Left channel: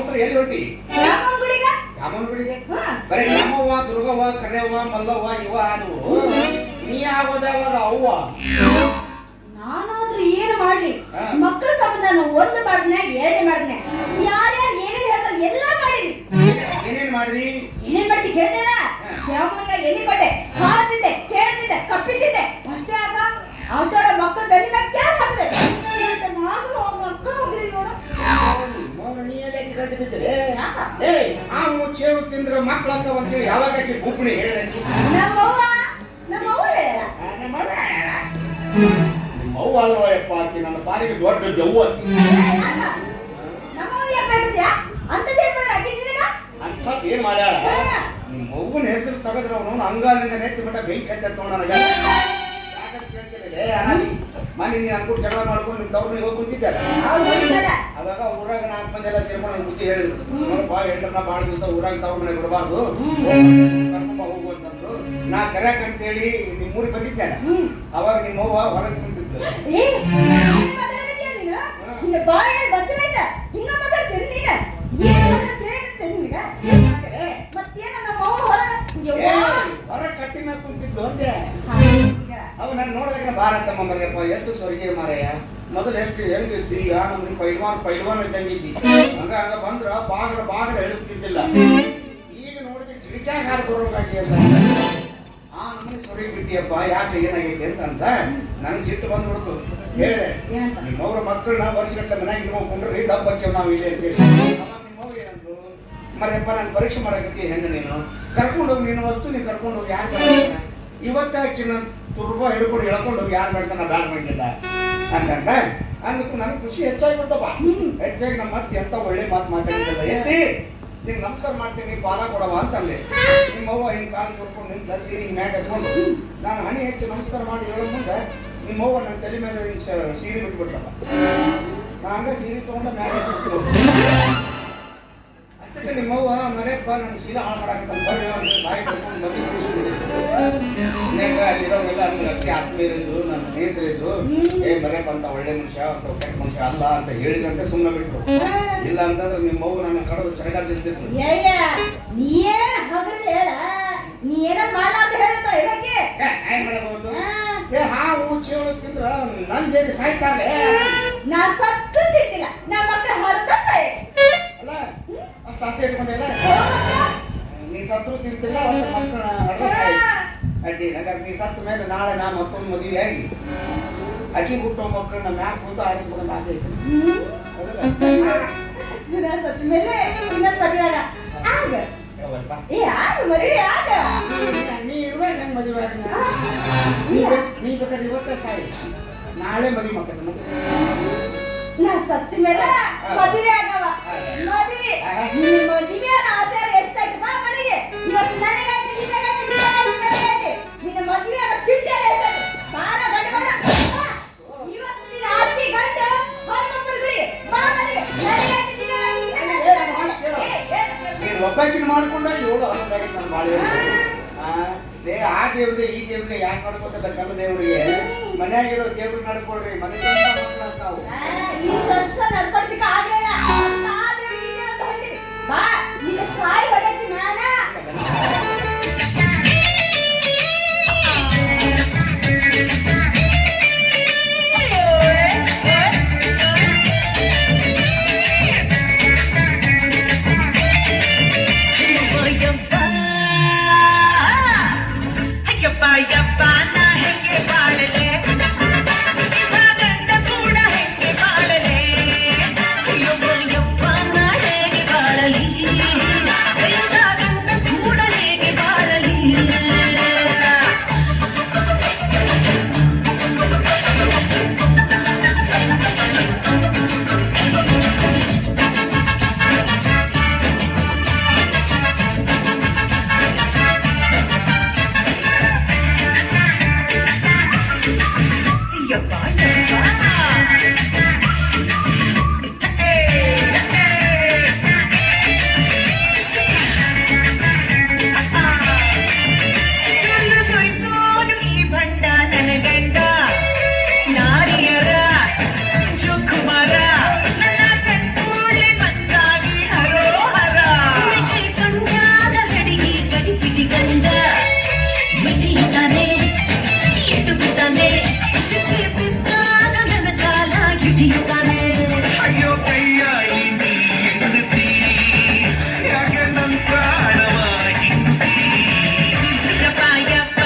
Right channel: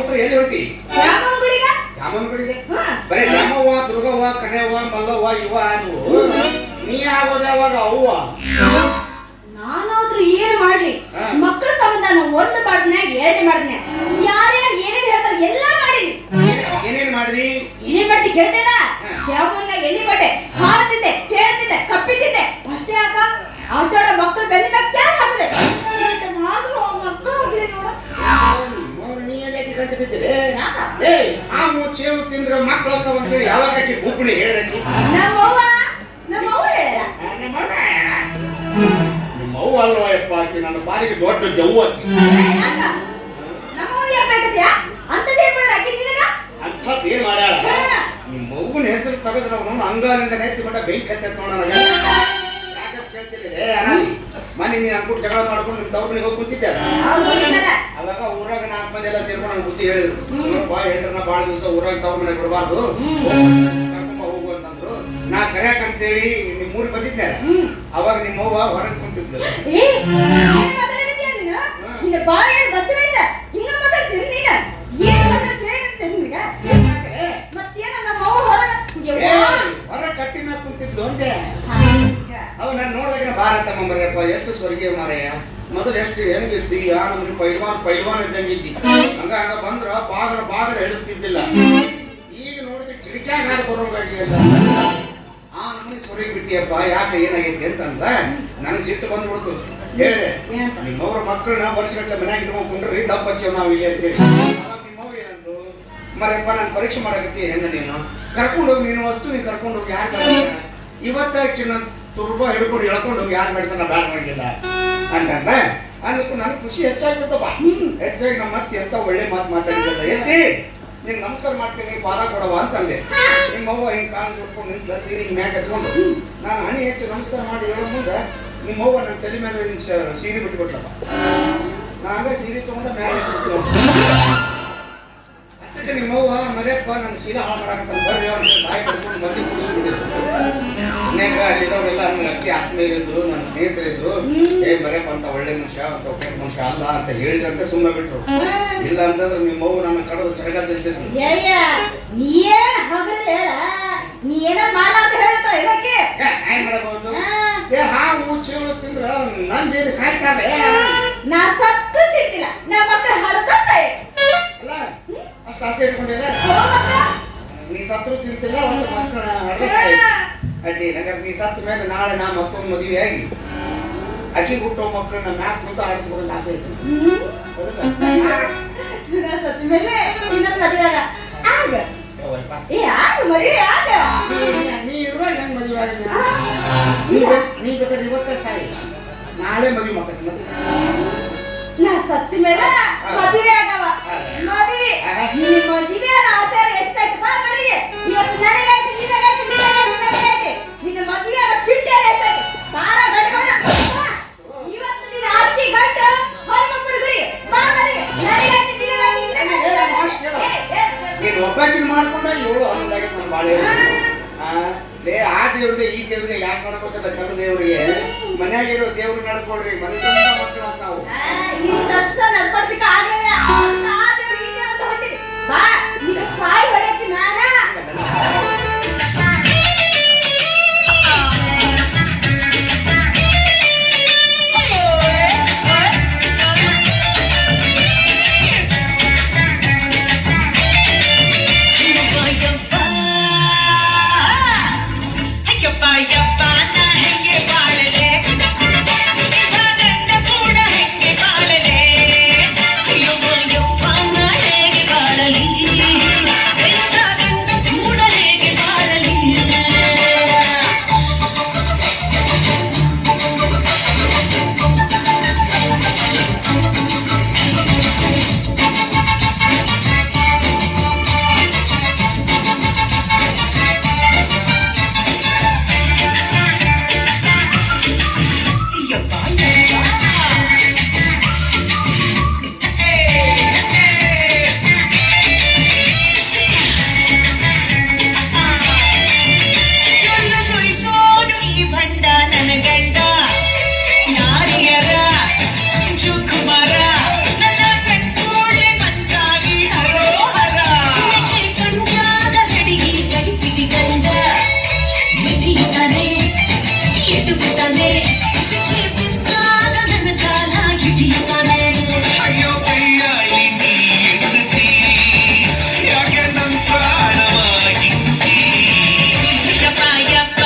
ಅವಸರ ಎಲ್ಲಿ ಹೊಂಟಿ? ರಾಮನ ಗುಡಿಗೆ ಬರೀ ರಾಮವ್ವ ದುರ್ಗವ್ವ ಕರೆಯವ್ವ ಮಲ್ಲವ್ವ ಇವ ಅದು ನೀ ಆಗೋದು ಯಾವಾಗ ಅವ್ವ? ನಾನಾದ್ರೂ ಏನ್ ಮಾಡ್ಲಿ ಮಕ್ಕಳು ತಗೊಂಡಾನು ಒಂದು ಮಾಡ್ನೆ ಏನೇ ಮಾಡ್ನೆ ಯಾರ್ಯಾರು ಏನೇನ್ ಹೇಳ್ತಾರೆ ಎಲ್ಲ ಮಾಡಿನಿ. ಏನೇನ್ ಮಾಡ್ದಿ? ಏನೇನ್ ಮಾಡ್ತಿ ಕೇಳ್ತೇನ? ಯಾವನ್ನ ಎಣ್ಣೆ ಕೊಟ್ಟೆ, ಹಾರ್ತಿದ್ದೆ, ಚೇರ್ತಿದ್ದೆ, ಕಪ್ಪಿದ್ದೆ ಅಷ್ಟೇ ಅಕ್ಕ. ಆಷಾಢ ಮಕ್ಕಳು ಬೆನ್ನಿನ ಕ್ಯಾರ್ ಹಾಕಿದೆ ನಾನು ಮಕ್ಕಳು ಹೋಗಿರಿ ನೋಡು. ನೀ ಎಲ್ಲ ಗಂಟು ಬಿದ್ದರೆ ಆ ಚೇವು ತಿಂದ್ರೆ ಮಕ್ಕಳು ಅಂತ ಅಂತೇಳಿ ಯಾವಾಗ ಬುಕ್ಣಿ ಹೇಳಿದಕ್ಕೆ ನಮ್ಮವ್ವ ಹೇಳ ನಿಮ್ಮ ಅವ್ವ ಅಲ್ವಯಪ್ಪ ಆಕಿ ನನ್ನ ಪಾಲಿಗೆ ದೊಡ್ಡ ದವ್ವ ಆಕಿ. ಅಂಥದ್ದು ಏನ್ ಮಾಡ್ಯಾಳ? ನಿಮ್ಮ ಮಗುನ ಹೆಸರು ತೆಗೆದ್ರೆ ಅವನು ಅಂಗಾಲಿಂದ ನೆತ್ತಿ ಮಟ್ಟ ಬೆಂಕಿ ಹತ್ತ ನೋಡೋಣ. ಯಾಕಂತ ಹೇಳ್ತಿಲ್ಲ ಮನೆ ನೀನು ಅನ್ಕೊಂಡು ಜಗಳ ಮಾಡ್ಕೊಂಡು ನಿಮ್ಮ ತವ್ರನಿಗೆ ಹೋಗಿ ಕುಂತಿದ್ದೆ. ಅವಾಗ ಊರಾಗ 4 ಮಂದಿ ಎಲ್ಲ ಸೇರ್ಕೊಂಡು ನಂಗೆ ಬುದ್ಧಿ ಹೇಳಿದ್ರು. ಬಾ ಹೆಂಡ್ರನ್ನ ಭಾಳ ದಿವಸ ಊರಾಗ ತವ್ರ ಮನೆ ಬಿಡಬಾರ್ದು, ಕರ್ಕೊಂಬ ಹೋಗು ಅಂತಂದ್ರು. ನಾ ಕರ್ಯಾಕಂತೇಳಿ ನಿಮ್ಮ ಊರಿಗೆ ಬಂದಿದ್ದೆ. ಅವಾಗ ನಿಮ್ಮವ್ವ ಹೊರಗೆ ಕುಂತಿದ್ಲು. ಹೊರ ಕಟ್ಟಿ ಮೇಲೆ ಕುಂತಿದ್ಲು ಅಂದೆ. ಅವ್ ನಾನು ನೋಡಿದ್ರೆ ಭಾರತಮ್ಮ ಮರೆಯಪ್ಪ ಎಷ್ಟು ಸ್ವರ್ಗೀಯ ಮಾರಯ್ಯ. ಮೊದಲು ಎಷ್ಟು ಹೆಂಗಿದ್ದಿ ನಮ್ಗೆ ಪೈಲ್ವಾನ್ ಇದ್ದಂಗಿದ್ದಿ. ಹಂಗ ಬಂದ್ರ ಬಾಗಡ ಹಿಡಿಸ್ತಿದ್ದಿಲ್ಲ. ಈಗ ನೋಡಿದ್ರೆ ಕಿಡಿಕ್ಯಾಗ ಹಾರು ಬರೋಗಾಗಿ ಆ ನಮ್ಗೆ ಸ್ವರ್ಗ ಬಿಟ್ಟಿಯಪ್ಪ. ಯಾಕೆ ಏನಾಗೈತಿ ಅಂತಂದ ನನ್ಗೆ ಸಿಟ್ಟು ಬಂದ್ಬಿಡ್ತು. ಹೇಳಿದೆ ನಿಮ್ಮವ್ರ ಮಕ್ಕಳನ್ನ ವರ್ಷಗಟ್ಟಲೆ ಮನ್ಯಾಗ ಇಟ್ಕೊಂಡ್ರಿ ದಪ್ಪಕ್ಕಿವ್ ನಾವ್ ಇಲ್ಲಿ ಅಂತೇಳಿ. ನಿಮ್ಮವ್ರು ಏನಂದ್ರು, ಮರೆಯಪ್ಪ ನಾನು ಪರೀಕ್ಷೆ ಮಾಡಕತ್ತಿ ಹೆಂಗ ನೀನು ಕರ್ಕೊಂಡು ಹೋಗಿ ನೀನು ವಸ್ತು ನೀನು ಕರ್ಕೊಂಡು ಹೋಗಿ ಯಾರು ಇವತ್ತ ಚಿನ್ನ ತುರ್ಬ ಹಿಡ್ಕೊಂಡು ಹೇಳ್ಕೊಂಡು ಹೋಗಿ ಯಾರು ಮಾಡ್ತಾನ ಬ್ಯಾಡ ಮಾಡಿಲ್ಲ ಅಂತಂದ. ಅದಕ್ಕೂ ನನಗೆ ಖುಷಿ ಹೆಚ್ಚಾಗ್ಬಿಡ್ತಪ್ಪ. ಹೆಚ್ಚಾಗಿ ನಮ್ಮ ಮತ್ತೆ ಎಂತ ಒಳ್ಳೆ ಮಾತು ಮಾತಾಡಿದ್ದಲ್ಲ. ಎತ್ತಿ ನಿಂಗೆ ನಮಸ್ಕಾರ ಮಾಡ್ತೀನಿ ಪಾದ ಕೊಡವ ಅಂತಂದೆ. ನಿಮ್ಮವ್ವ ಹಿಂಗೆ ಕಾಲು ತೊಡ್ಕೊಂಡು ನಿಂತ ಸೀರೆ ಹಿಂಗೆ ಮ್ಯಾಗ ಹತ್ಕೊಂಡು ನಾನು ಹಣಿ ಹೆಚ್ಚು ನಮಸ್ಕಾರ ಮಾಡಿ ಹೇಳೋ ಮುಂದೆ ನಿಮ್ಮವ್ವ ನನ್ನ ತಲೆ ಮೇಲೆ ಸೀರೆ ಬಿಟ್ಬಿಟ್ಲಪ್ಪ. ನಾನು ಸೀರೆ ತಗೊಂಡ ಮ್ಯಾಲೆ ಅಷ್ಟಕ್ಕೆ ನಿಮ್ಮವ್ವ ಮರೆಯಪ್ಪ ನನ್ನ ಸೀರೆ ಹಾಳು ಮಾಡಾಕಂತ ಬರ್ರಿ ಅವ್ರ ಬಾಯಿ ಕಟ್ಕೊಂಡು ಮದ್ದೆ ಕೂರಿಸ್ಬಿಟ್ಟಿದ್ರು. ಅಲ್ಲಿರೋರೆಲ್ಲ ನನ್ನ ಅತಿ ಆತ್ಮೀಯರಿದ್ರು, ನನ್ನ ಸ್ನೇಹಿತರಿದ್ರು. ಮರೆಯಪ್ಪ ಅಂತ ಒಳ್ಳೆ ಮನುಷ್ಯ ಅಂತ ಕೆಟ್ಟ ಮನುಷ್ಯ ಅಲ್ಲ ಅಂತ ಹೇಳಿದಂತೆ ಸುಮ್ಮನೆ ಬಿಟ್ರು. ಇಲ್ಲ ಅಂತಂದ್ರೆ ನಿಮ್ಮವ್ವ ನನ್ನ ಕಡದು ಚರಗ ಚಲ್ತಿದ್ರು. ಮಾಡಬಹುದು ಹಾವು ಚೇಳು ತಿಂದ್ರ ನನ್ ಜೇರಿ ಸಾಯ್ತಾರೆ. ಅಲ್ಲ ಅಷ್ಟು ಆಸೆ ಇಟ್ಕೊಂಡಿಲ್ಲ. ನೀ ಸತ್ರು ಚಿಂತಿಲ್ಲ ಅಡ್ಡಿ. ಯಾಕಂದ್ರೆ ನೀ ಸತ್ತ ಮೇಲೆ ನಾಳೆ ನಾ ಮತ್ತೊಂದು ಮದುವೆ ಆಗಿ ಅಕ್ಕಿ ಹುಟ್ಟೋ ಮಕ್ಕಳನ್ನ ಮ್ಯಾಕ್ ಕೂತು ಆಡಿಸ್ಕೊಂಡು ಆಸೆ ಇತ್ತು. ನೀ ಇರುವಾಗ ಹೆಂಗ್ ಮದುವೆ ಆಗಿಲ್ಲ? ನೀ ಬೇಕಾದ್ರೆ ಇವತ್ತೇ ಸಾಯಿ, ನಾಳೆ ಮದುವೆ ಮಕ್ಕಳು ಸತ್ತ ಮೇಲೆ ಮದುವೆ ಆಗವ ಮದುವೆ ಆಚಾರ ಎಷ್ಟಾಯ್ತು ಬಾ ಮನೆಗೆ. ಇವತ್ತು ನನಗೆ ನಿನ್ನ ಮದುವೆ ಚಿಟ್ಟೆ ಎಷ್ಟಾಯ್ತು ಸಾರ ಗಡಿಮಾಡ. ಇವತ್ತು ನೀನು ಆರ್ತಿ ಗಂಟು ಹೊರಮಕ್ಕಳು ಬಾ ಮನೆಗೆ. ನೀನು ಒಬ್ಬಾಕಿನ ಮಾಡ್ಕೊಂಡ 7 ಹನ್ನೊಂದಾಗಿ ನನ್ನ ಬಾಳೆ. ಆ ದೇವ್ರಿಗೆ ಈ ದೇವ್ರಿಗೆ ಯಾಕೆ ನಡ್ಕೋತದ? ಕಲ್ಲ ದೇವ್ರಿಗೆ ಮನ್ಯಾಗಿರೋ ದೇವ್ರಿಗೆ ನಡ್ಕೊಳ್ರಿ. ಮನೆ ಮಕ್ಕಳು ಅಂತ ನಾವು ಅಯ್ಯೋ ಕೈಯಾಳಿ ನೀ ಹೆಂಡತಿ ಯಾಕೆ ನನ್ ಪ್ರಾಣವಾಗಿ ಯಪ್ಪ ಯಪ್ಪ